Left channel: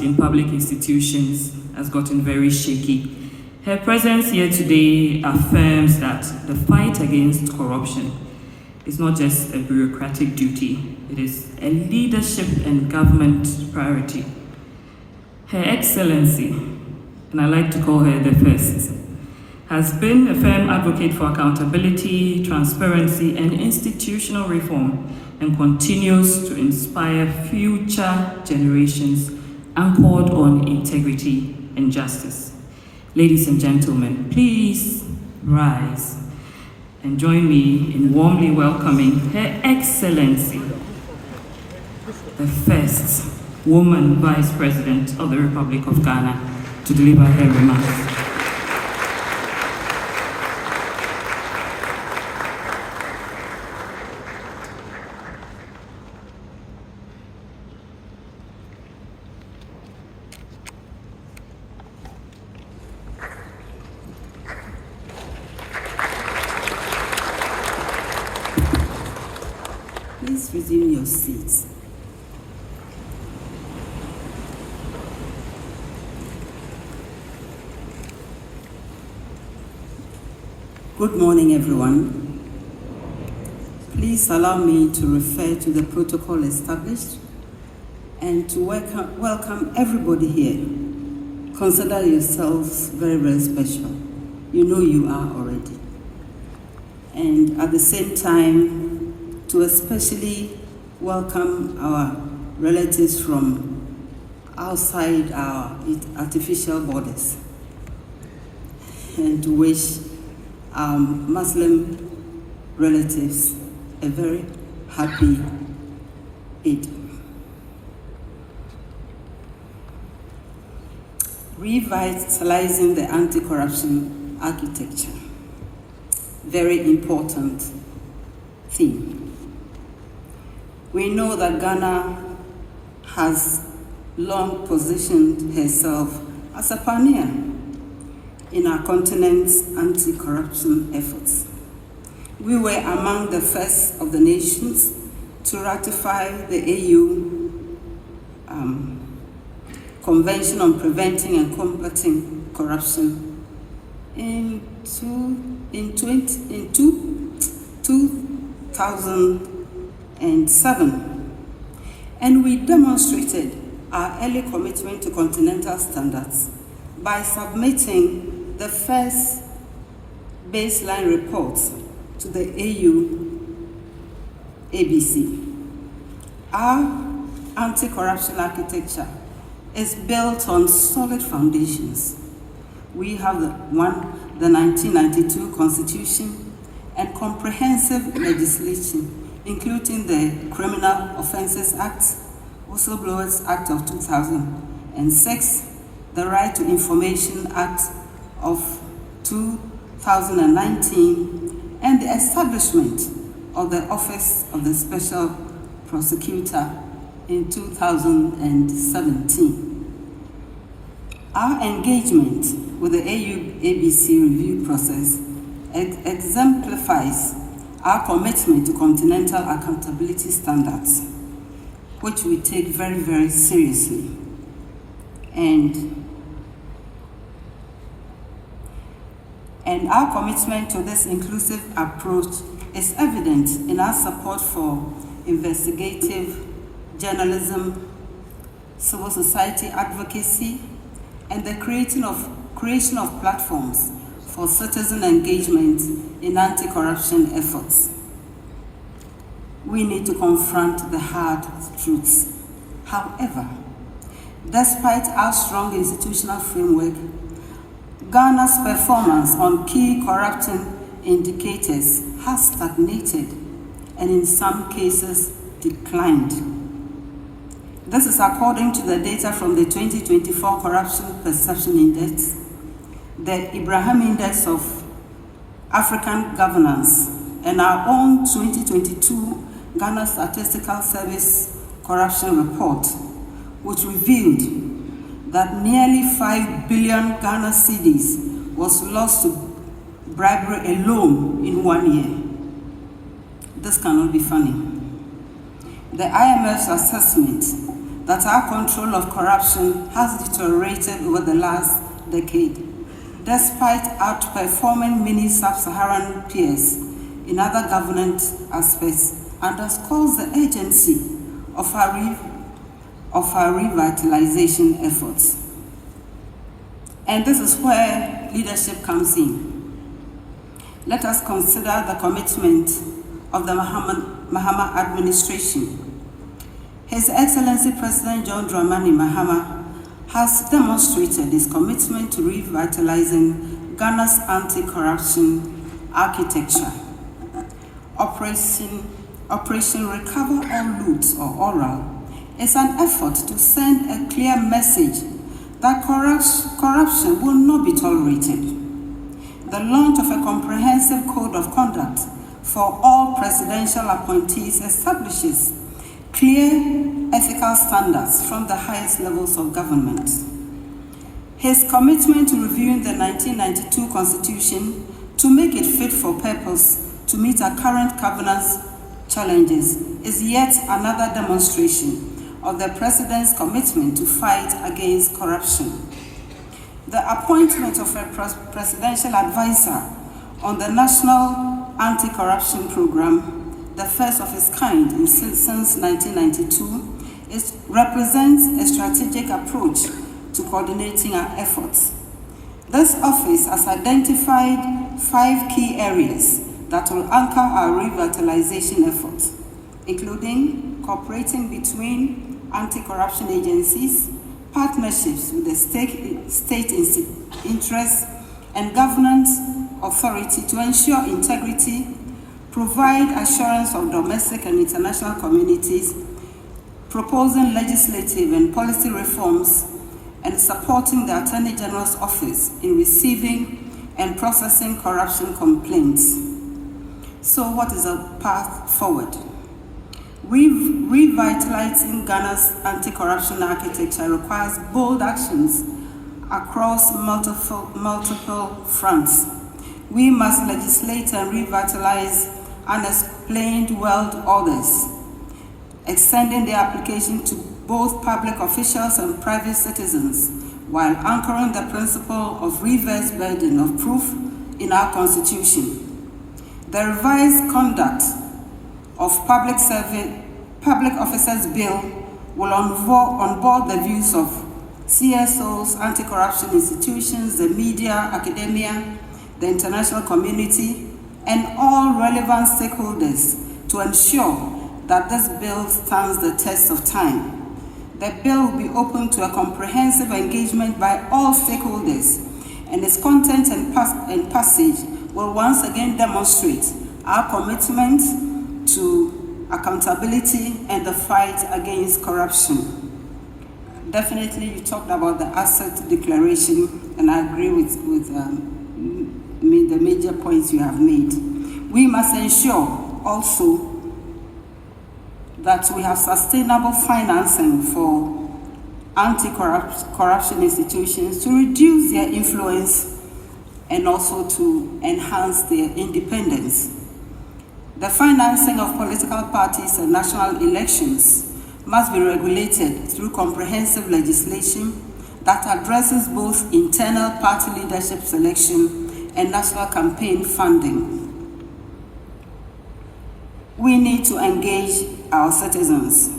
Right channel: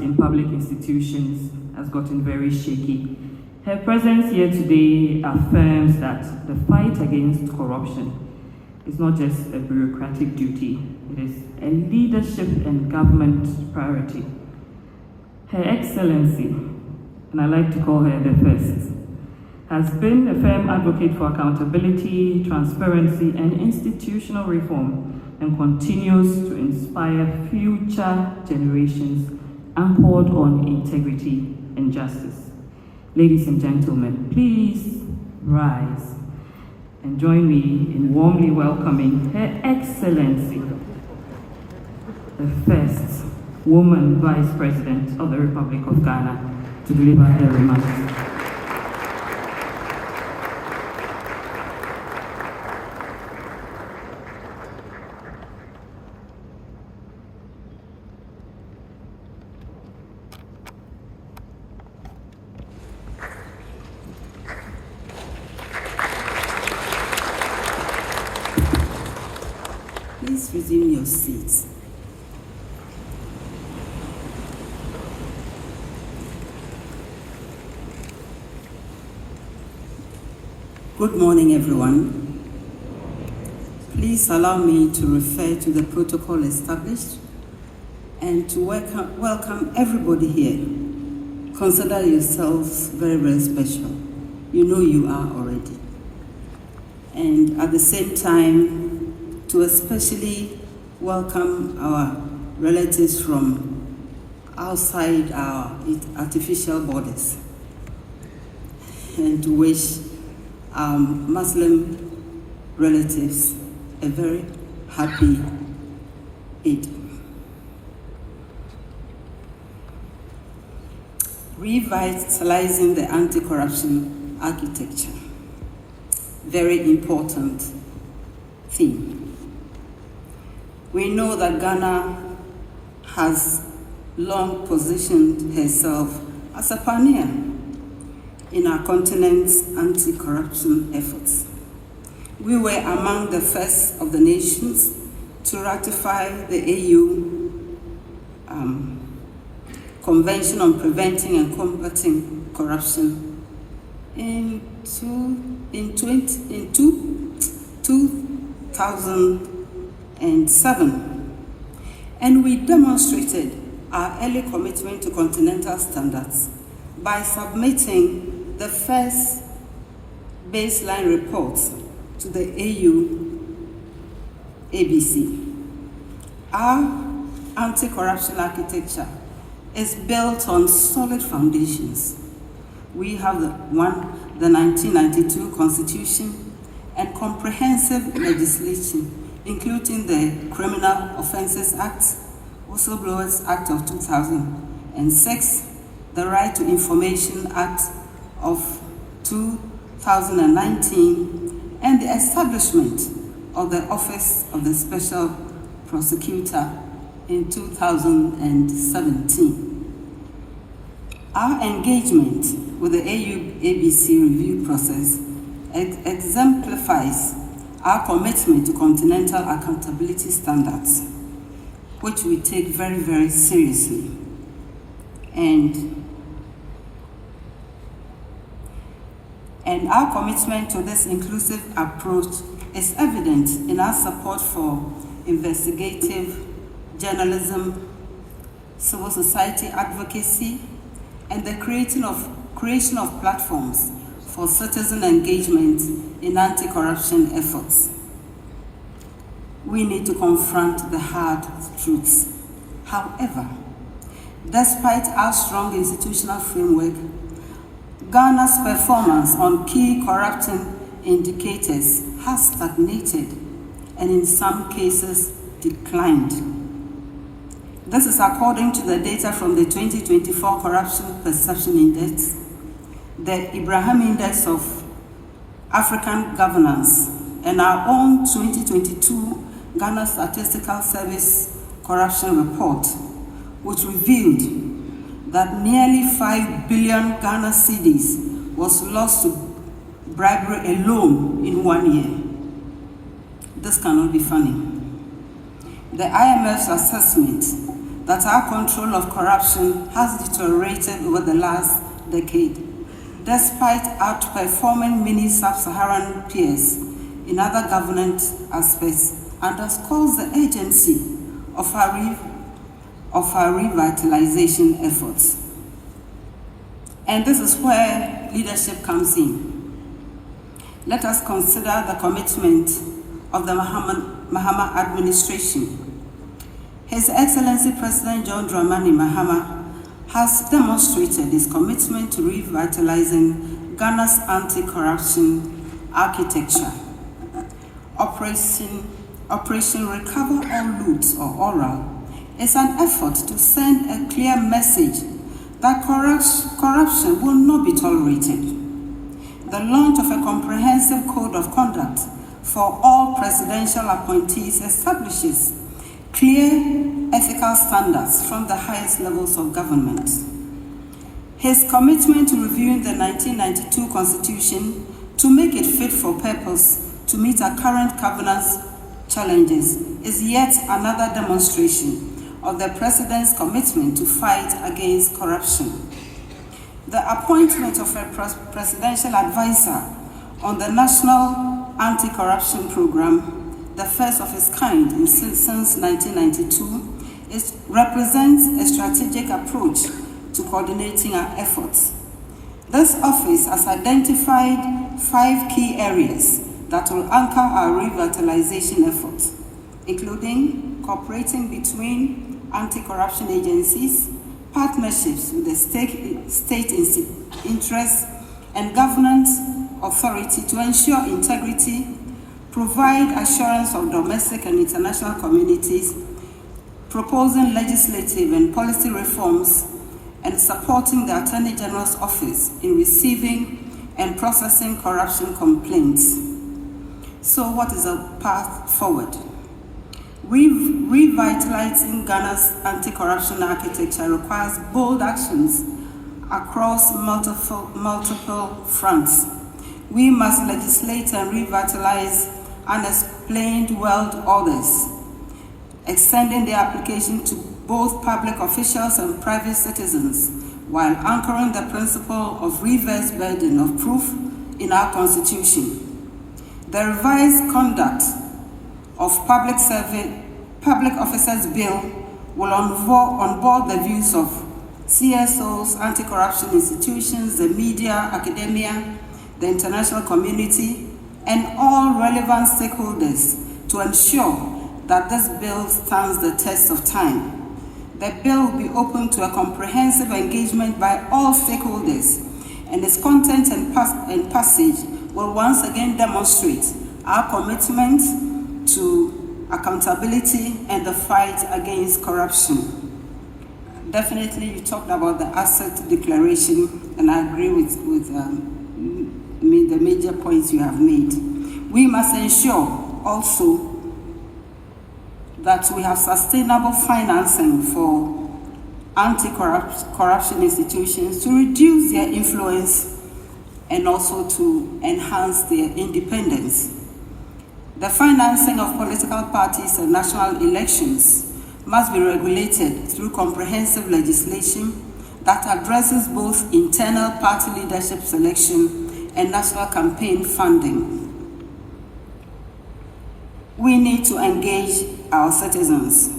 in public institutions has gotten very shaky. Her presence here today affirms that the fight against corruption is not just a bureaucratic duty, it is a leadership and government priority. Her Excellency, and I like to call her the First, has been a firm advocate for accountability, transparency, and institutional reform, and continues to inspire future generations anchored on integrity and justice. Ladies and gentlemen, please rise and join me in warmly welcoming Her Excellency, the first woman Vice President of the Republic of Ghana, to deliver her remarks. Please resume your seats. Good morning, everyone. Please allow me to refer to the protocol established and to welcome everybody here. Consider yourselves very, very special. You know you are already. And at the same time, to especially welcome our relatives from outside our artificial borders, and to wish our Muslim relatives a very happy Eid. Revitalizing the anti-corruption architecture, very important theme. We know that Ghana has long positioned herself as a pioneer in our continent's anti-corruption efforts. We were among the first of the nations to ratify the AU Convention on Preventing and Combating Corruption in 2007, and we demonstrated our early commitment to continental standards by submitting the first baseline report to the AU ABC. Our anti-corruption architecture is built on solid foundations. We have the 1992 Constitution and comprehensive legislation, including the Criminal Offences Act, Whistleblowers Act of 2006, the Right to Information Act of 2019, and the establishment of the Office of the Special Prosecutor in 2017. Our engagement with the AU-ABC review process exemplifies our commitment to continental accountability standards, which we take very, very seriously. And our commitment to this inclusive approach is evident in our support for investigative journalism, civil society advocacy, and the creation of platforms for citizen engagement in anti-corruption efforts. We need to confront the hard truths. However, despite our strong institutional framework, Ghana's performance on key corruption indicators has stagnated and in some cases declined. This is according to the data from the 2024 Corruption Perception Index, the Ibrahim Index of African Governance, and our own 2022 Ghana Statistical Service Corruption Report, which revealed that nearly 5 billion Ghana cedis was lost to bribery alone in 1 year. This cannot be funny. The IMF's assessment that our control of corruption has deteriorated over the last decade, despite outperforming many sub-Saharan peers in other governance aspects, underscores the urgency of our revitalization efforts. And this is where leadership comes in. Let us consider the commitment of the Mahama administration. His Excellency President John Dramani Mahama has demonstrated his commitment to revitalizing Ghana's anti-corruption architecture. Operation Recover All Loots, or ORAL, is an effort to send a clear message that corruption will not be tolerated. The launch of a comprehensive code of conduct for all presidential appointees establishes clear ethical standards from the highest levels of government. His commitment to reviewing the 1992 Constitution to make it fit for purpose to meet our current governance challenges is yet another demonstration of the President's commitment to fight against corruption. The appointment of a presidential advisor on the National Anti-Corruption Program, the first of its kind since 1992, represents a strategic approach to coordinating our efforts. This office has identified 5 key areas that will anchor our revitalization efforts, including cooperating between anti-corruption agencies, partnerships with the state interests and governance authority to ensure integrity, provide assurance of domestic and international communities, proposing legislative and policy reforms, and supporting the Attorney General's office in receiving and processing corruption complaints. So what is the path forward? Revitalizing Ghana's anti-corruption architecture requires bold actions across multiple fronts. We must legislate and revitalize unexplained world orders, extending the application to both public officials and private citizens, while anchoring the principle of reverse burden of proof in our Constitution. The revised conduct of Public Officers Bill will onboard the views of CSOs, anti-corruption institutions, the media, academia, the international community, and all relevant stakeholders to ensure that this bill stands the test of time. The bill will be open to a comprehensive engagement by all stakeholders, and its content and passage will once again demonstrate our commitment to accountability and the fight against corruption. Definitely, you talked about the asset declaration, and I agree with the major points you have made. We must ensure also that we have sustainable financing for anti-corruption institutions to reduce their influence and also to enhance their independence. The financing of political parties and national elections must be regulated through comprehensive legislation that addresses both internal party leadership selection and national campaign funding. We need to engage our citizens.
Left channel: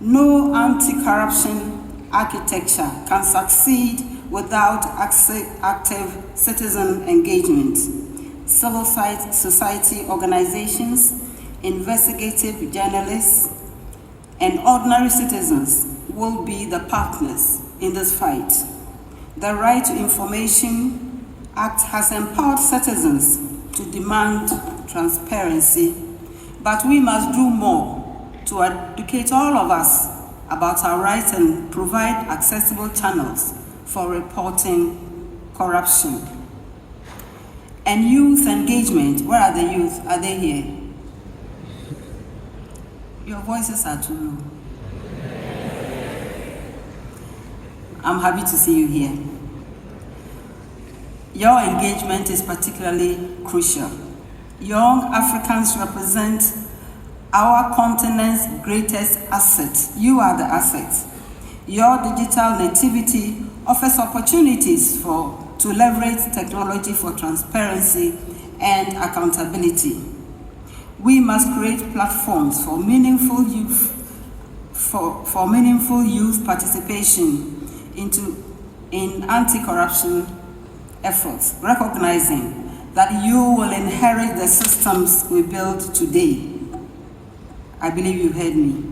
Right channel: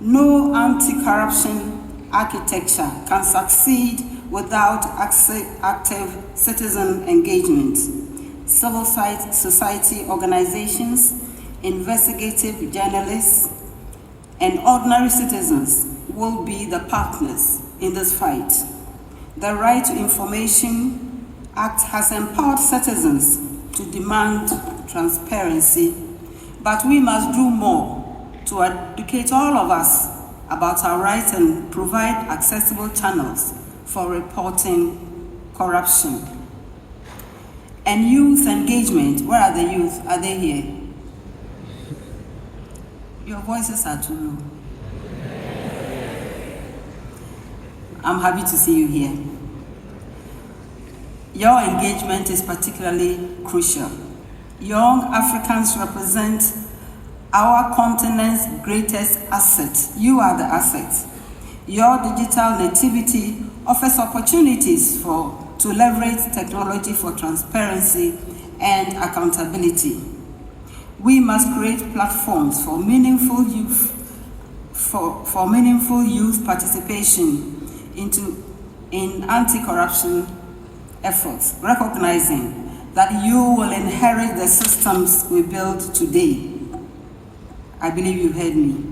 No anti-corruption architecture can succeed without active citizen engagement. Civil society organizations, investigative journalists, and ordinary citizens will be the partners in this fight. The Right to Information Act has empowered citizens to demand transparency, but we must do more to educate all of us about our rights and provide accessible channels for reporting corruption. And youth engagement, where are the youth? Are they here? Your voices are too low. I'm happy to see you here. Your engagement is particularly crucial. Young Africans represent our continent's greatest asset. You are the asset. Your digital nativity offers opportunities to leverage technology for transparency and accountability. We must create platforms for meaningful youth participation in anti-corruption efforts, recognizing that you will inherit the systems we build today. I believe you heard me.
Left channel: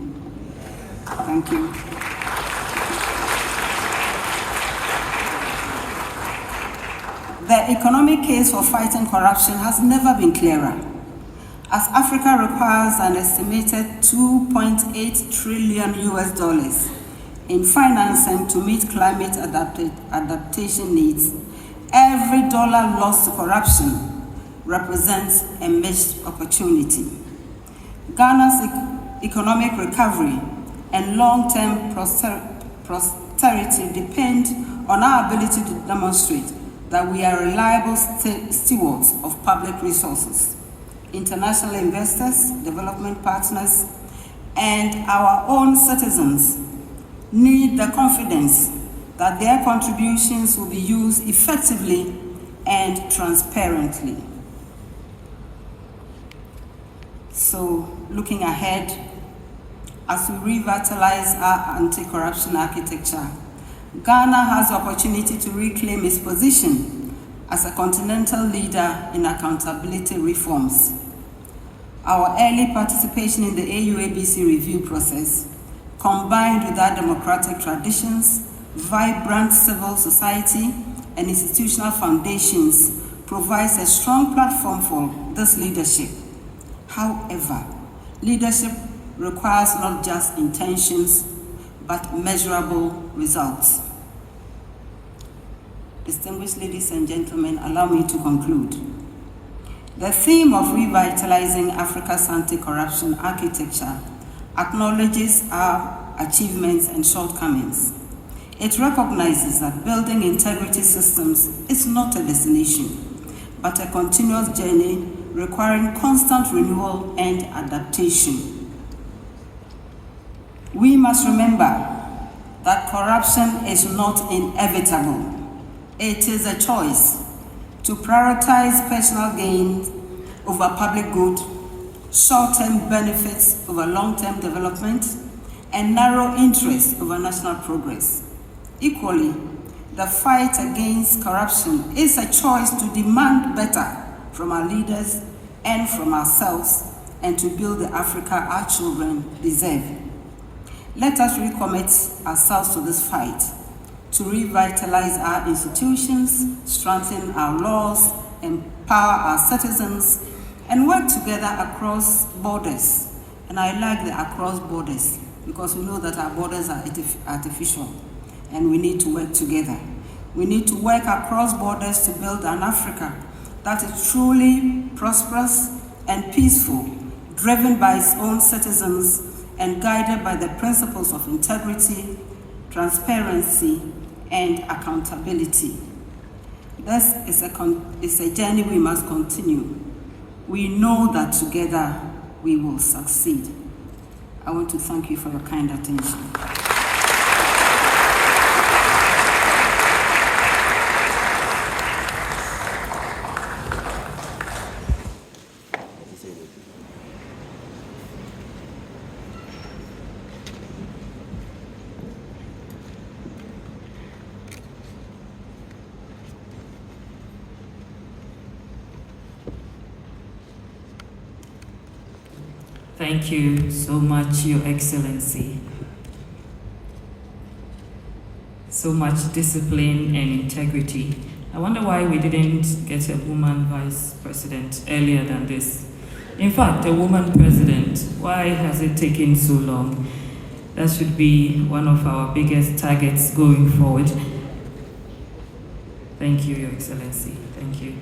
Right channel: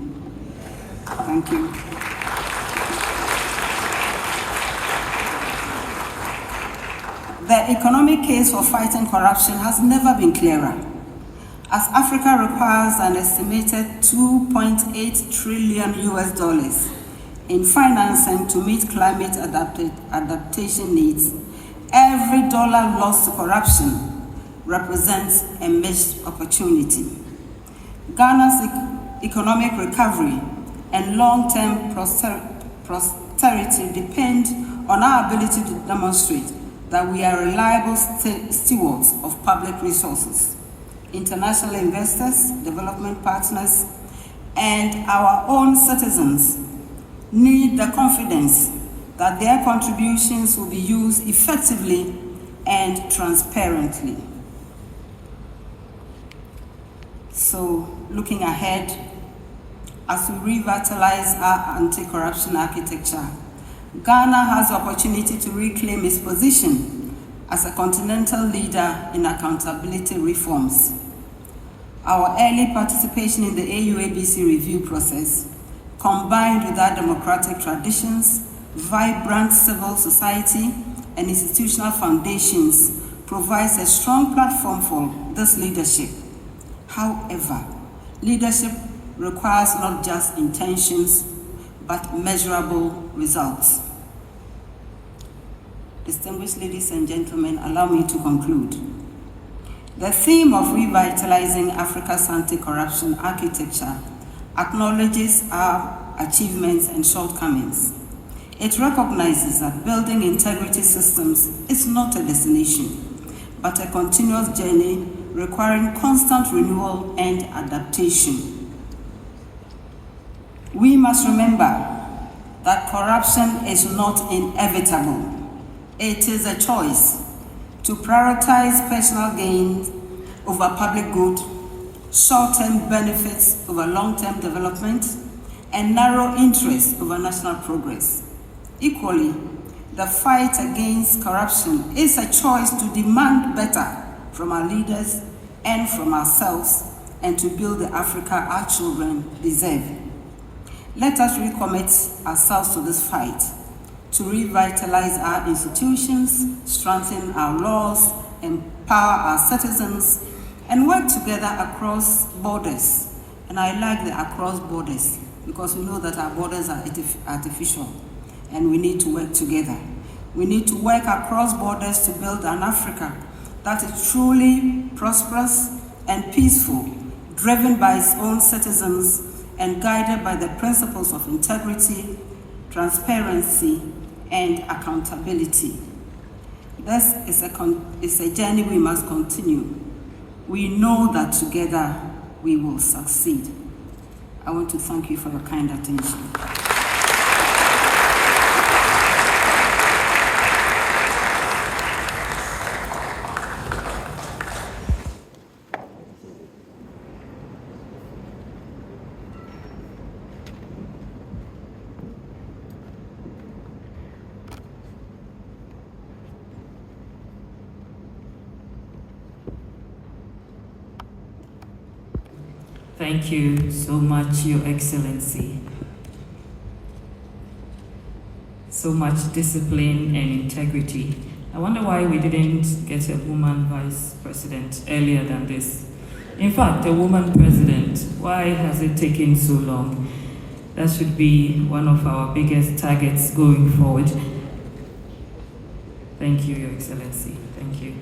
Thank you. The economic case for fighting corruption has never been clearer, as Africa requires an estimated $2.8 trillion in financing to meet climate adaptation needs. Every dollar lost to corruption represents a missed opportunity. Ghana's economic recovery and long-term prosperity depend on our ability to demonstrate that we are reliable stewards of public resources. International investors, development partners, and our own citizens need the confidence that their contributions will be used effectively and transparently. So, looking ahead, as we revitalize our anti-corruption architecture, Ghana has the opportunity to reclaim its position as a continental leader in accountability reforms. Our early participation in the AU-ABC review process, combined with our democratic traditions, vibrant civil society, and institutional foundations, provides a strong platform for this leadership. However, leadership requires not just intentions, but measurable results. Distinguished ladies and gentlemen, allow me to conclude. The theme of revitalizing Africa's anti-corruption architecture acknowledges our achievements and shortcomings. It recognizes that building integrity systems is not a destination, but a continuous journey requiring constant renewal and adaptation. We must remember that corruption is not inevitable. It is a choice to prioritize personal gain over public good, short-term benefits over long-term development, and narrow interests over national progress. Equally, the fight against corruption is a choice to demand better from our leaders and from ourselves, and to build the Africa our children deserve. Let us recommit ourselves to this fight, to revitalize our institutions, strengthen our laws, empower our citizens, and work together across borders. And I like the across borders, because we know that our borders are artificial, and we need to work together. We need to work across borders to build an Africa that is truly prosperous and peaceful, driven by its own citizens, and guided by the principles of integrity, transparency, and accountability. This is a journey we must continue. We know that together we will succeed. I want to thank you for your kind attention. Thank you so much, Your Excellency. So much discipline and integrity. I wonder why we didn't get a woman vice president earlier than this. In fact, a woman president. Why has it taken so long? That should be one of our biggest targets going forward. Thank you, Your Excellency. Thank you.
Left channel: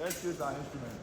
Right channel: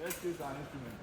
Let's use our instrument.